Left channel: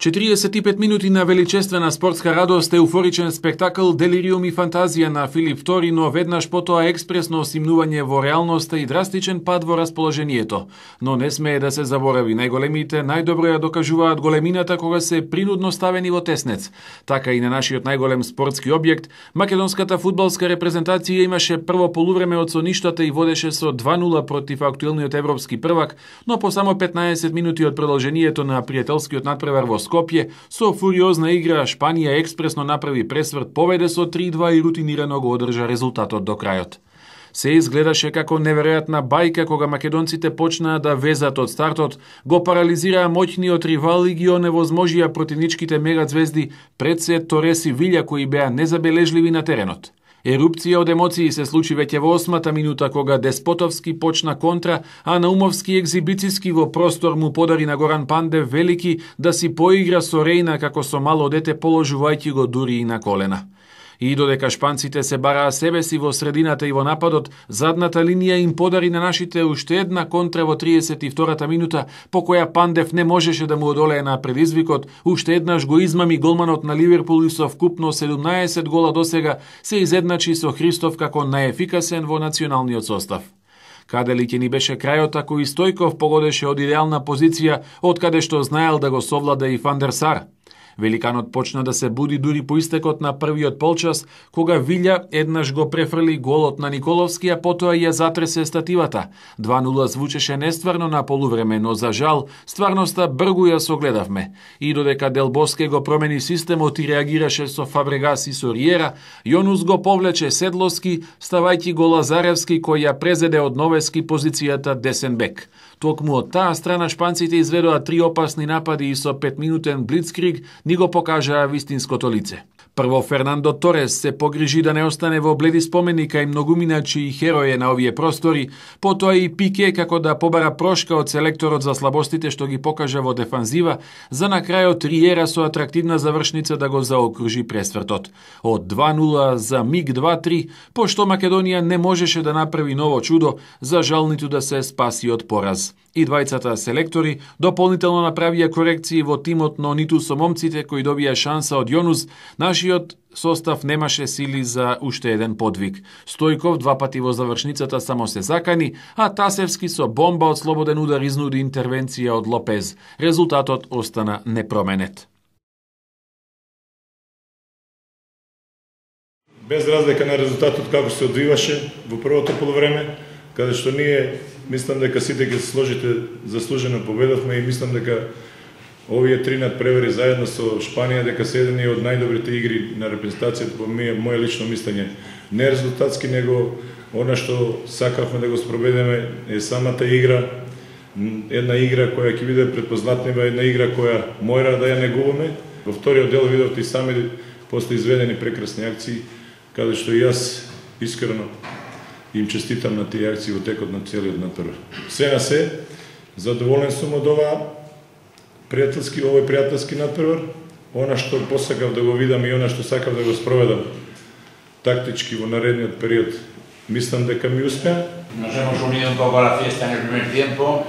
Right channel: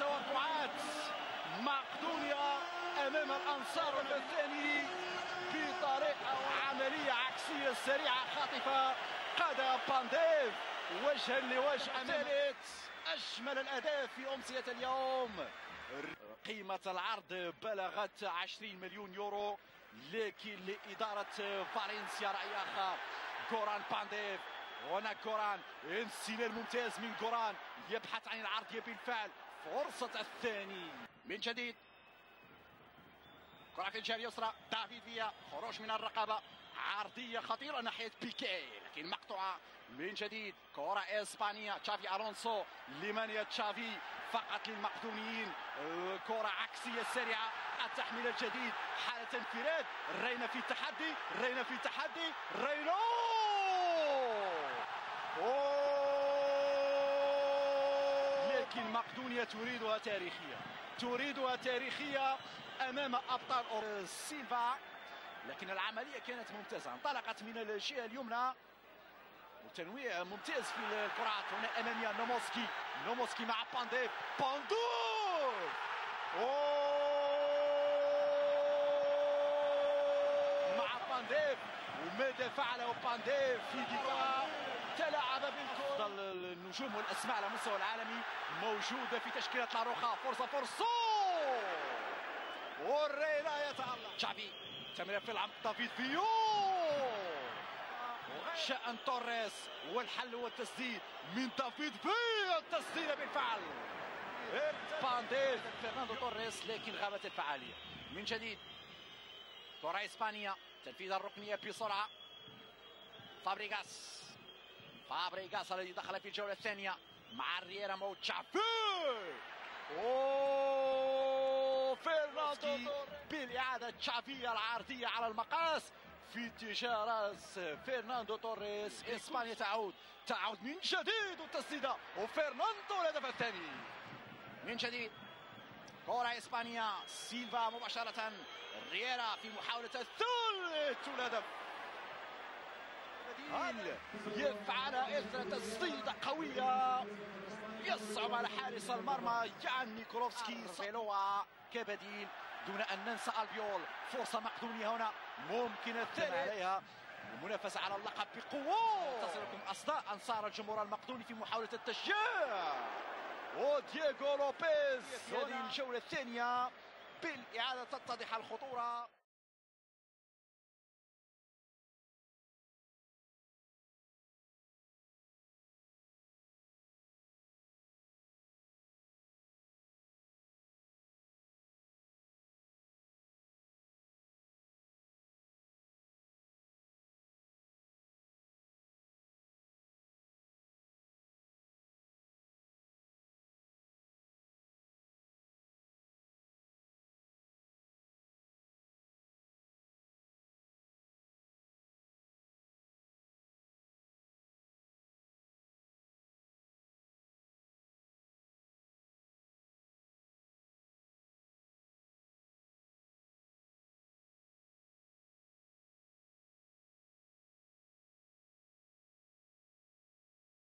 45 минути на величествена спортска радост, еуфоричен спектакл, делириум и фантазија на Филип II, но веднаш потоа експресно осимнување во реалноста и драстичен пад во расположението. Но не смее да се заборави, најголемите најдобро ја докажуваат големината кога се принудно ставени во теснец. Така и на нашиот најголем спортски објект, македонската фудбалска репрезентација имаше прво полувреме од соништата и водеше со 2:0 против актуелниот европски првак, но по само 15 минути од продолжението на пријателскиот надпревар во Скопје, со фуриозна игра Шпанија експресно направи пресврт, поведе со 3:2 и рутинирано го одржа резултатот до крајот. Се изгледаше како неверојатна бајка кога македонците почнаа да везат од стартот, го парализираа моќниот ривал и ги оневозможија противничките мегазвезди пред се Торес и Вилја кои беа незабележливи на теренот. Ерупција од емоции се случи веќе во 8-та минута кога Деспотовски почна контра, а Наумовски екзибициски во простор му подари на Горан Пандев велики да си поигра со Рејна како со мало дете, положувајќи го дури и на колена. И додека шпанците се бараа себе си во средината и во нападот, задната линија им подари на нашите уште една контра во 32-та минута, по која Пандев не можеше да му одолее на предизвикот, уште еднаш го измами голманот на Ливерпул и со вкупно 17 гола досега се изедначи со Христов како најефикасен во националниот состав. Каде ли ќе ни беше крајот ако и Стојков погодеше од идеална позиција, од каде што знаел да го совлада и Фан дер Сар. Великанот почна да се буди дури по истекот на првиот полчас, кога Вилја еднаш го префрли голот на Николовски, а потоа ја затресе стативата. 2:0 звучеше нестварно на полувреме, но за жал, стварноста бргу ја согледавме. И додека Дел Боске го промени системот и реагираше со Фабрегас и со Риера, Јонус го повлече Седловски, ставајќи го Лазаревски кој ја презеде од Новески позицијата десен бек. Токму од таа страна шпанците изведоа 3 опасни напади и со 5-минутен блицкриг ни го покажаа вистинското лице. Прво Фернандо Торес се погрижи да не остане во бледи спомени кај многуминачи и хероје на овие простори, потоа и Пике како да побара прошка од селекторот за слабостите што ги покажа во дефанзива, за на крајот Риера со атрактивна завршница да го заокружи пресвртот. Од 2:0 за миг 2-3, пошто Македонија не можеше да направи ново чудо, за жал ниту да се спаси од пораз. И двајцата селектори дополнително направија корекции во тимот, но ниту со момците кои добија шанса од Јонус, нашиот состав немаше сили за уште еден подвиг. Стојков 2 пати во завршницата само се закани, а Тасевски со бомба од слободен удар изнуди интервенција од Лопез. Резултатот остана непроменет. Без разлика на резултатот како се одвиваше во првото полувреме, каде што ние мислам дека сите ќе се сложите заслужено победавме и мислам дека овие 3 надпревари заедно со Шпанија дека се едни од најдобрите игри на репрезентацијата по моје лично мислење. Не резултатски, него она што сакавме да го спроведеме е самата игра, една игра која ќе биде предпознатлива, една игра која мора да ја негуваме. Во вториот дел видовте и сами после изведени прекрасни акции, каде што и јас искрено им честитам на тие акции во текот на целиот надпревар. Се на се, задоволен сум од овој пријателски надпревар. Она што посакав да го видам и она што сакав да го спроведам тактички во наредниот период, мислам дека ми успеа. Nos hemos unido un poco a la fiesta en el primer tiempo,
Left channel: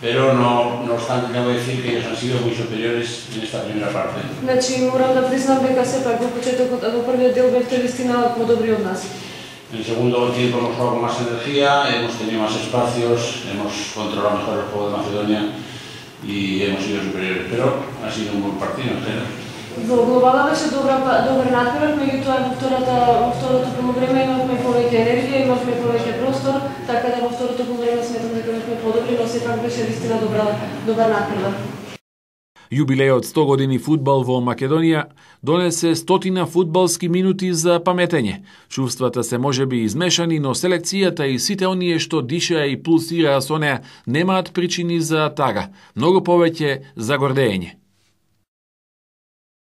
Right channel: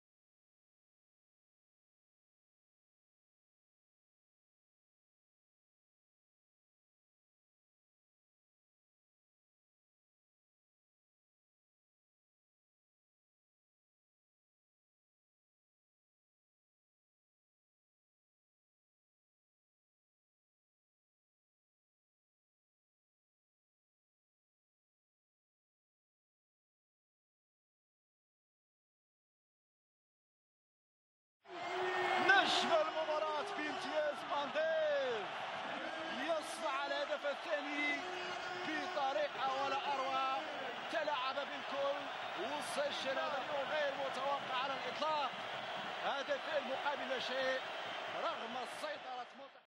pero no obstante tengo que decir que ellos han sido muy superiores en esta primera parte. Значи морам да признам дека сепак во почетокот во првиот дел бевте вистина подобри од нас. En el segundo tiempo hemos jugado con más energía, hemos tenido más espacios, hemos controlado mejor el juego de Macedonia y hemos sido superiores, pero ha sido un buen partido en general. Во глобала беше добар надпревар, меѓутоа во второто полувреме имавме повеќе енергија, имавме повеќе простор, така да во второто полувреме сметам дека бевме подобри, но сепак беше вистина добар надпревар. Јубилејот 100 години фудбал во Македонија донесе 100 фудбалски минути за паметење. Чувствата се можеби измешани, но селекцијата и сите оние што дишеа и пулсираа со неа немаат причини за тага, многу повеќе за гордење.